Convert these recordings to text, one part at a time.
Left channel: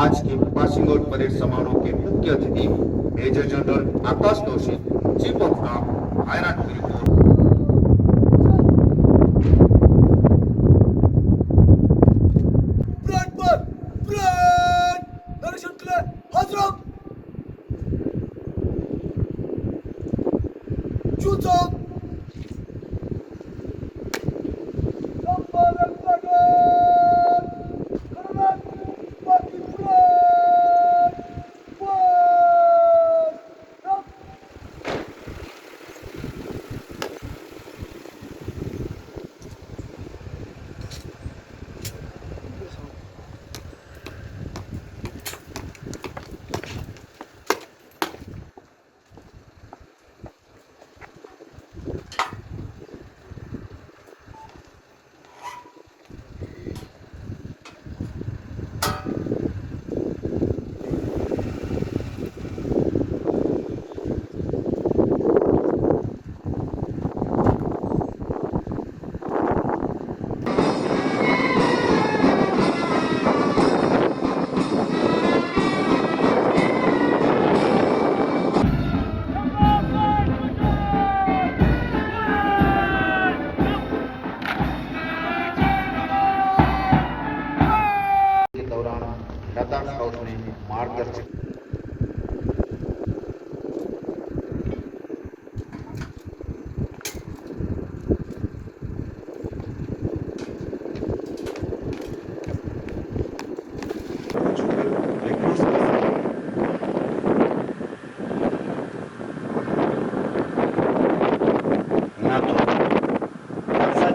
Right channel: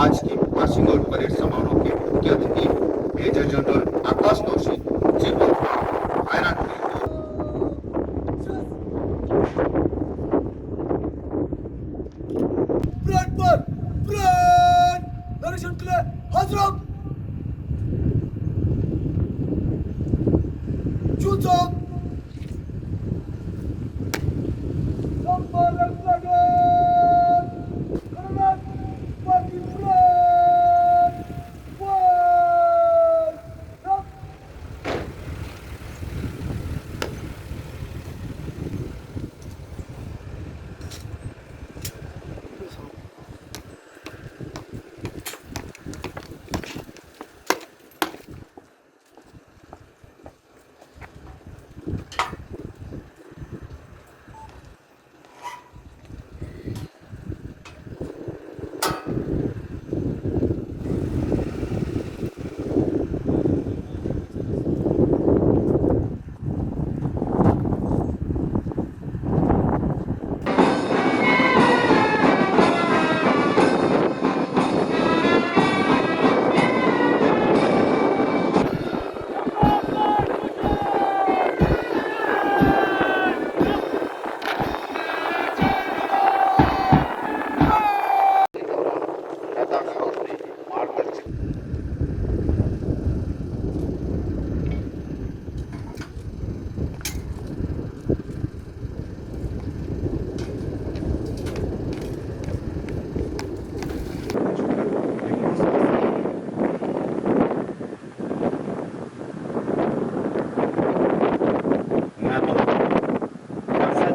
आज के passing out parade समारोह के मुख्य अतिथि मेजर जनरल आकाश दोषी chief of staff iron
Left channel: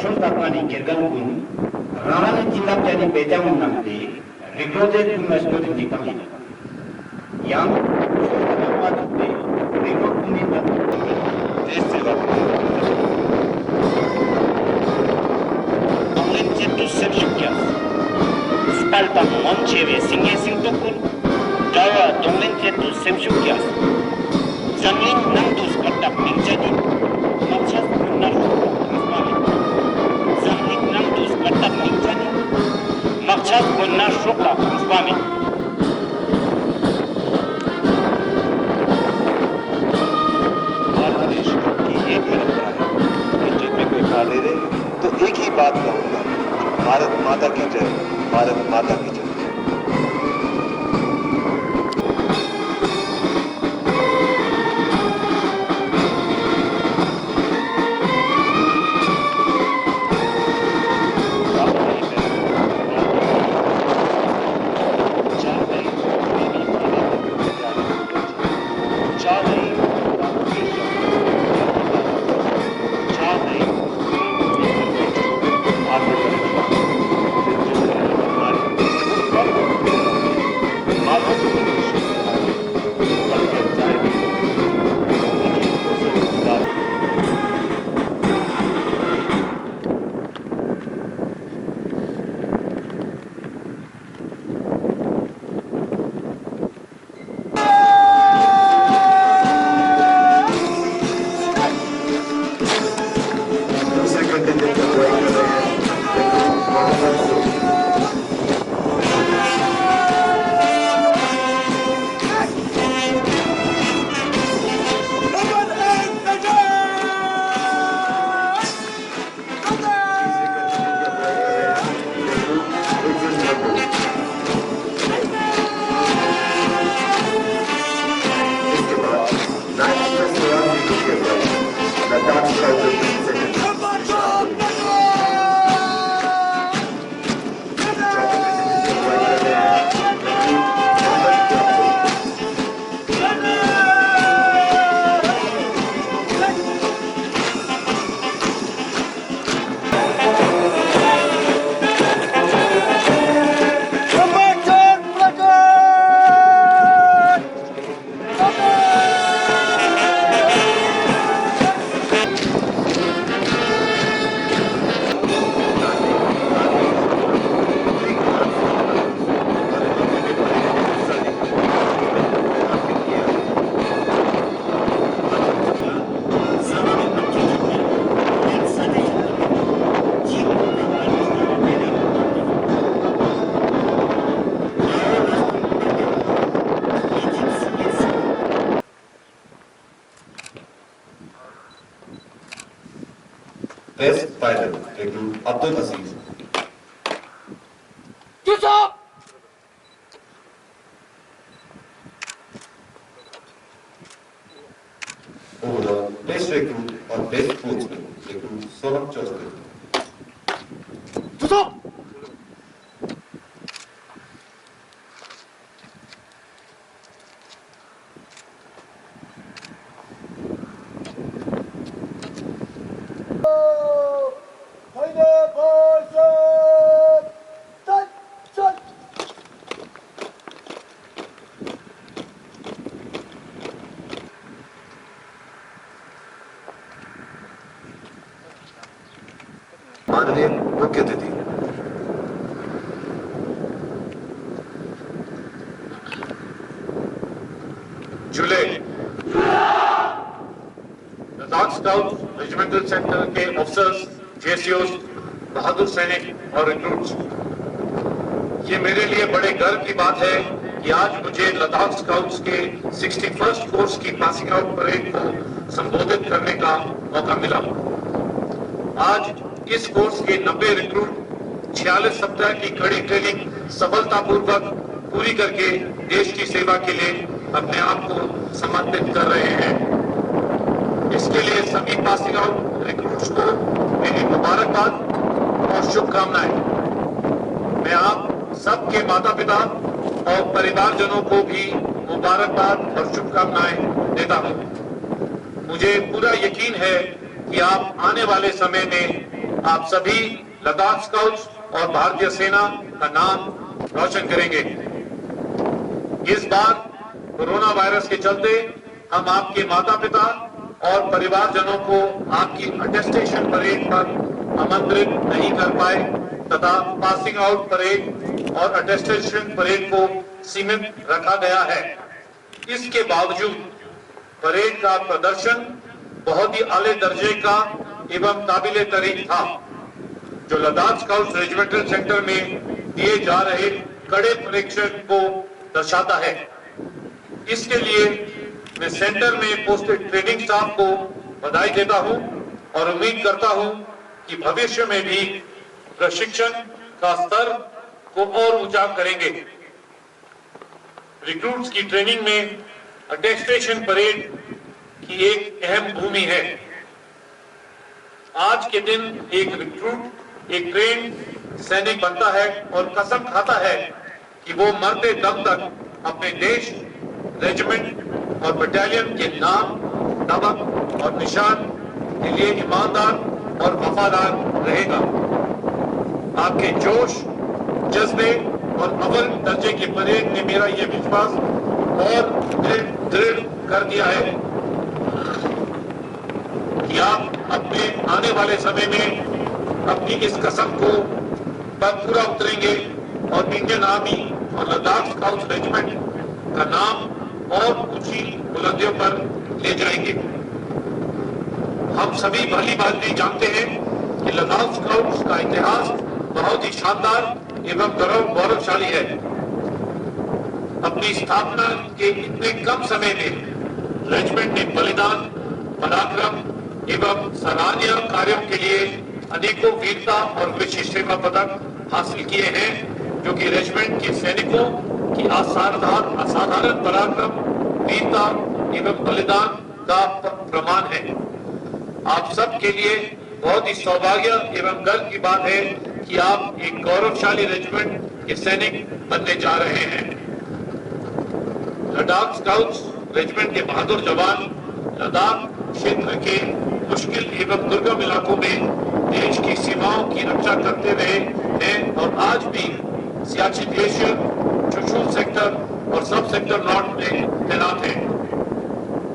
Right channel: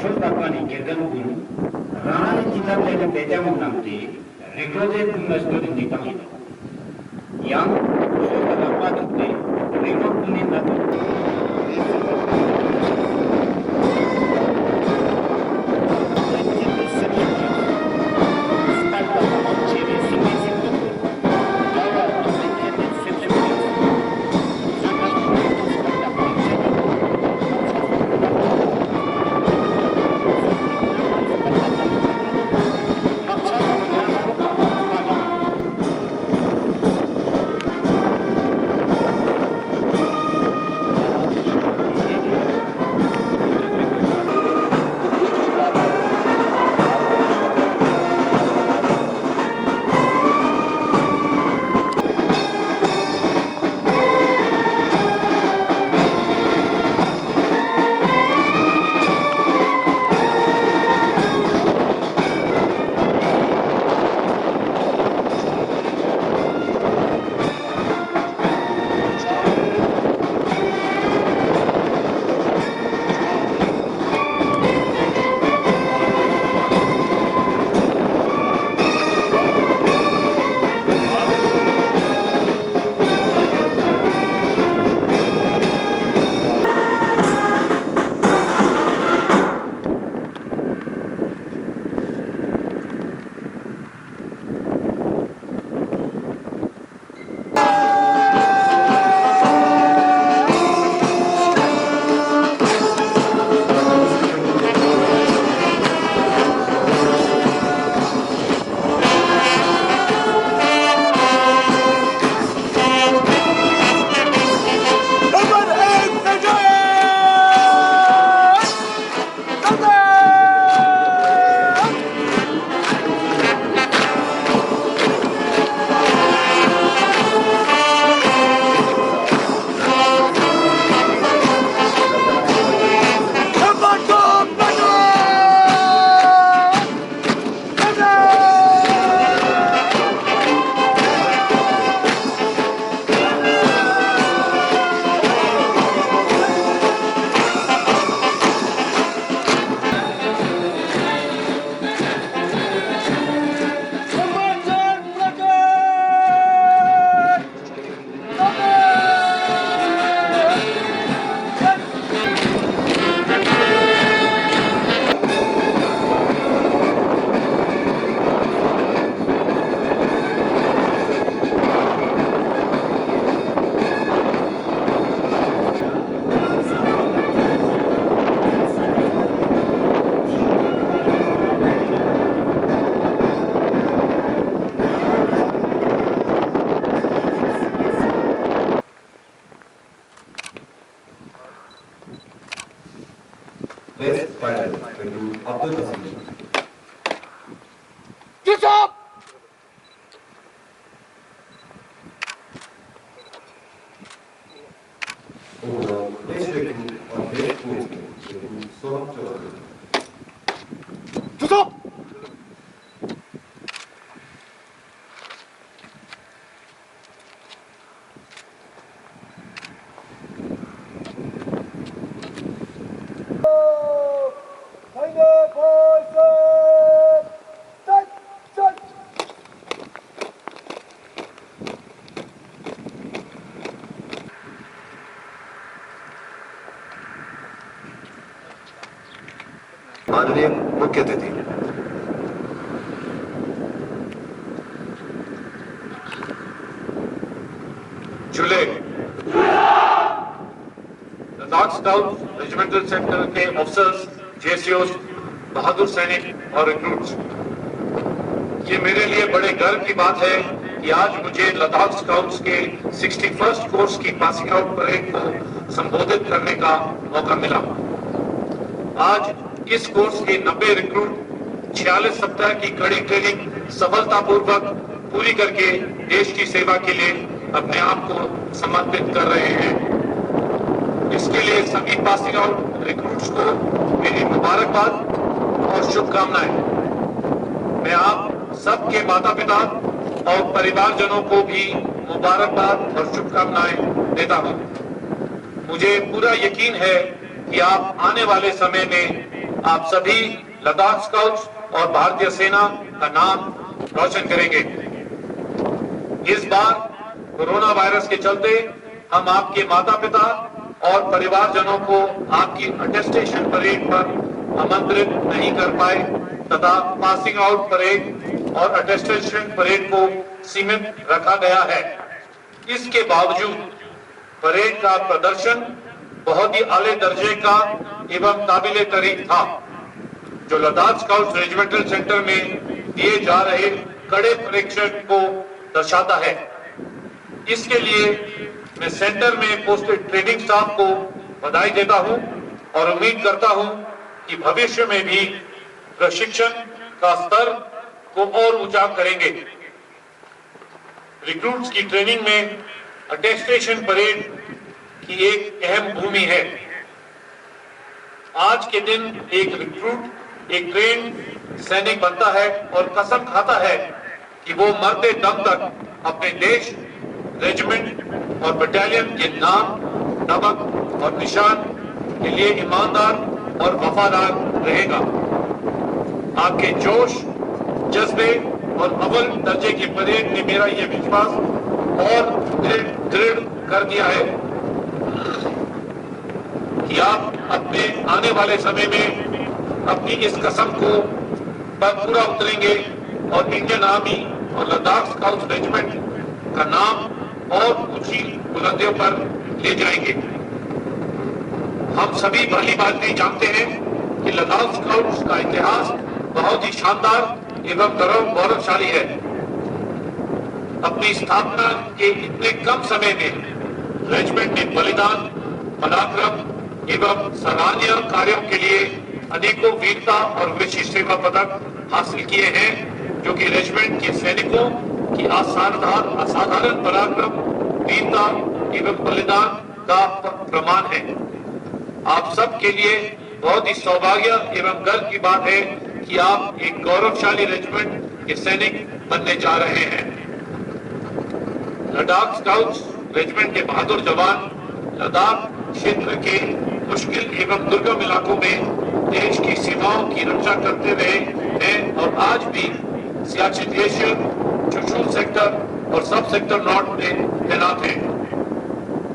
Chultakani Gergangun, Rana Chilapani Bejamunamti, recruited to Master in the Tamil. Young, Chulapati, recruited in the Stalta Moncheve, singing Sintokur, Java, Domentia to Sepsukias, Zamit Nandus, but the Pinchadi, Machas, Naruto, Zamit Nandus, but the Pinchadi, Machas, Naruto, Swami. Bharat देश की एक ही रफ्तार है, तो एक ही बात है, Bharat Best Pilot, recruit Abdul Aziz. Overall, Best Recruit or Best Coachman, recruit Sonam Chaudhary. माननीय मुख्य अतिथि, जुले लद्दाख स्काउट रेजिमेंटल सेंटर के ऑफिसर्स, जेसीओस, बहादुर सैनिक और रिक्रूट्स, ये मेरे लिए बड़े गर्व की बात है कि आज मुझे लद्दाख स्काउट्स के 61st कोर्स की पासिंग आउट परेड को संबोधित करने का मौका मिला। आज इस कोर्स के 90 रिक्रूट 46 सप्ताह की कड़ी ट्रेनिंग सफलतापूर्वक पूरी करके देश की सेवा के लिए अपने आप को समर्पित कर रहे हैं। इसके लिए सभी पासिंग आउट रिक्रूट्स को मेरी मुबारकबाद और शुभकामनाएं। मैं आप सबके माता पिता और परिवारजनों को भी मुबारकबाद और शुभकामनाएं देता हूं। मुझे पूरा यकीन है कि आप आने वाले समय में आप सभी लद्दाख स्काउट्स और भारतीय सेना का नाम रोशन करेंगे। इस बार कोरोना वायरस के चलते हम आपके माता पिता और परिवारजनों को आपकी अटेस्टेशन परेड पर आमंत्रित नहीं कर पाए तथा पासिंग आउट परेड और अटेस्टेशन परेड को सीमित रखा गया है। इसके बावजूद परेड का प्रदर्शन बहुत ही आले दर्जे का एवं काबिले तारीफ था, जो लद्दाख स्काउट्स रेजिमेंटल सेंटर में दिए जा रहे कड़े परीक्षण को दर्शाता है। इसके लिए मैं सेंटर में पोस्टेड ट्रेनिंग स्टाफ को बधाई देता हूं और उम्मीद करता हूं कि भविष्य में भी प्रशिक्षण का स्तर को और ऊंचा करेंगे। रिक्रूट्स की ट्रेनिंग में अटेस्टेशन परेड की एक अहम भूमि है। आज के दिन एक रिक्रूट एक ट्रेन सैनिक बनता है और कसम खाता है कि वो मरते दम तक अपने देश, रेजिमेंट और बटालियन के नाम, नमक और निशान के लिए ईमानदार और वफादार रहेगा। आपके जोश, जज्बे और अव्वल दर्जे के परेड ने मेरा यह विश्वास और दृढ़ कर दिया है कि आप अपने आने वाले समय में अपनी इस कसम को पर पूरा उतरेंगे और इंडियन आर्मी और लद्दाख स्काउट्स रेजिमेंट का नाम और ऊंची बुलंदियों पर ले जाएंगे। हम सभी भली भांति जानते हैं कि लद्दाख स्काउट्स का इतिहास बहुत ही शानदार एवं गौरवशाली है। अपनी स्थापना के इतने कम समय में रेजिमेंट ने बलिदान, पराक्रम एवं सराहनीय कार्यों के लिए अनेकों वीरता और विशिष्ट सेवा पदक हासिल किए हैं, जो कि रेजिमेंट के सैनिकों की असाधारण पराक्रम, वीरता एवं बलिदान का प्रमाण है। आप सब के लिए बहुत ही सौभाग्य एवं गर्व की बात है कि आप एक गौरवशाली रेजिमेंट के सैनिक बनने जा रहे हैं। लद्दाख स्काउट्स रेजिमेंट के बहादुर जवान लद्दाख क्षेत्र के मुश्किल एवं दुर्गम इलाकों में देश की सीमाओं की रक्षा करते रहे हैं और आज भी सियाचिन ग्लेशियर, चुशूल सेक्टर और सब सेक्टर नॉर्थ में तैनात हैं।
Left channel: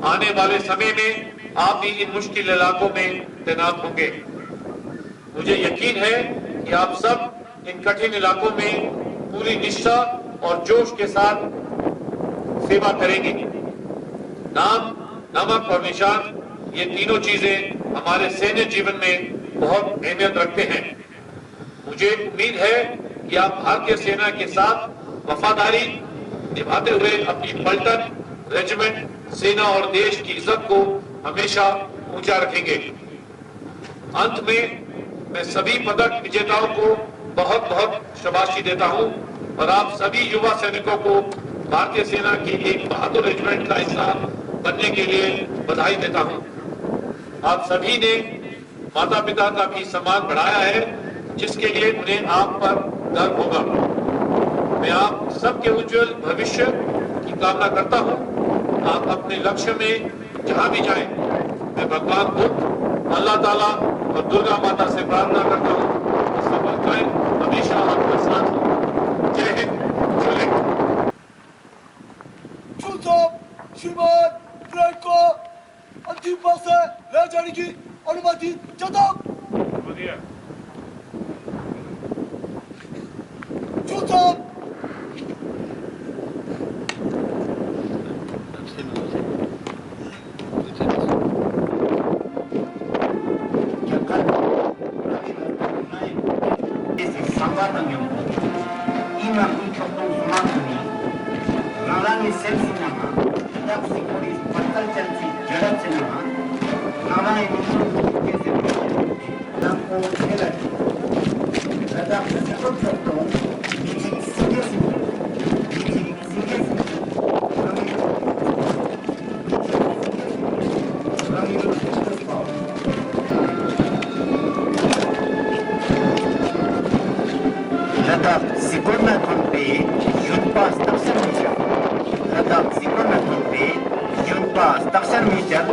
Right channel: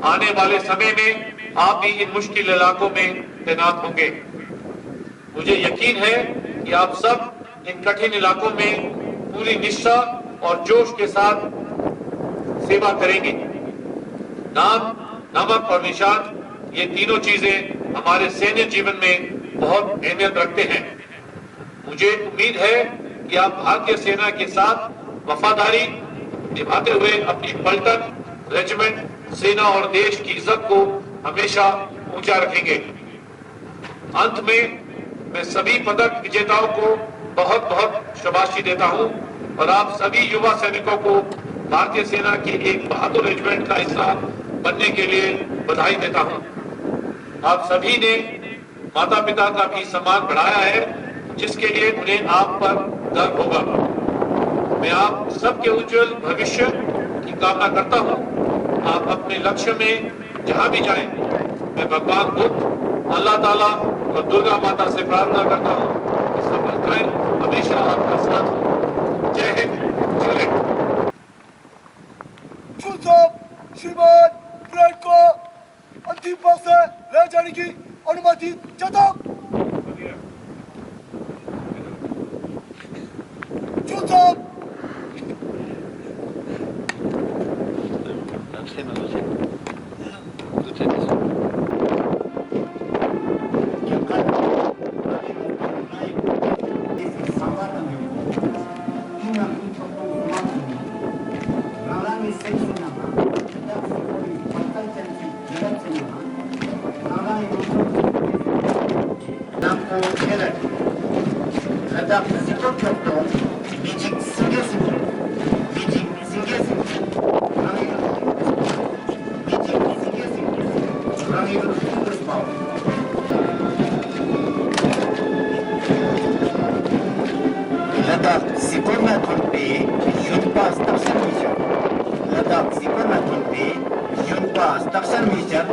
आने वाले समय में आप भी इन मुश्किल इलाकों में तैनात होंगे। मुझे यकीन है कि आप सब इन कठिन इलाकों में पूरी निष्ठा और जोश के साथ सेवा करेंगे। नाम, नमक और निशान, ये तीनों चीजें हमारे सैन्य जीवन में बहुत अहमियत रखते हैं। मुझे उम्मीद है कि आप भारतीय सेना के साथ वफादारी निभाते हुए अपनी पलटन, रेजिमेंट, सेना और देश की इज्जत को हमेशा ऊंचा रखेंगे। अंत में मैं सभी पदक विजेताओं को बहुत बहुत शाबाशी देता हूं और आप सभी युवा सैनिकों को भारतीय सेना की एक बहादुर रेजिमेंट का हिस्सा बनने के लिए बधाई देता हूं। आप सभी ने माता पिता का भी सम्मान बढ़ाया है, जिसके लिए उन्हें आप पर गर्व होगा। मैं आप सबके उज्जवल भविष्य की कामना करता हूं। आप अपने लक्ष्य में जहां भी जाएं, मैं भगवान बुद्ध, अल्लाह ताला और दुर्गा माता से प्रार्थना करता हूं कि सफलताएं हमेशा आपका साथ हो। जय हिंद, जय हिंद। 충성 श्रीमान ब्रांड को अंतिम भाग से ले जाने की अनुमति चाहता 충성 Nalani Selsinama, Ladakh Sikoris Fatalchansi Jaratsinama, Nalani Nampo Kelat, Ladakh Sikotopon, Beijing Singasimpo, Beijing Singasimpo, Rangil Beijing Singasimpo, Rangil Superspower. Ladakh Sikona Tonpe, Junpa Station Mission. Ladakh Sikona Tonpe, Junpa Station Mission.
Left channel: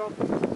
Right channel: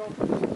Thank you.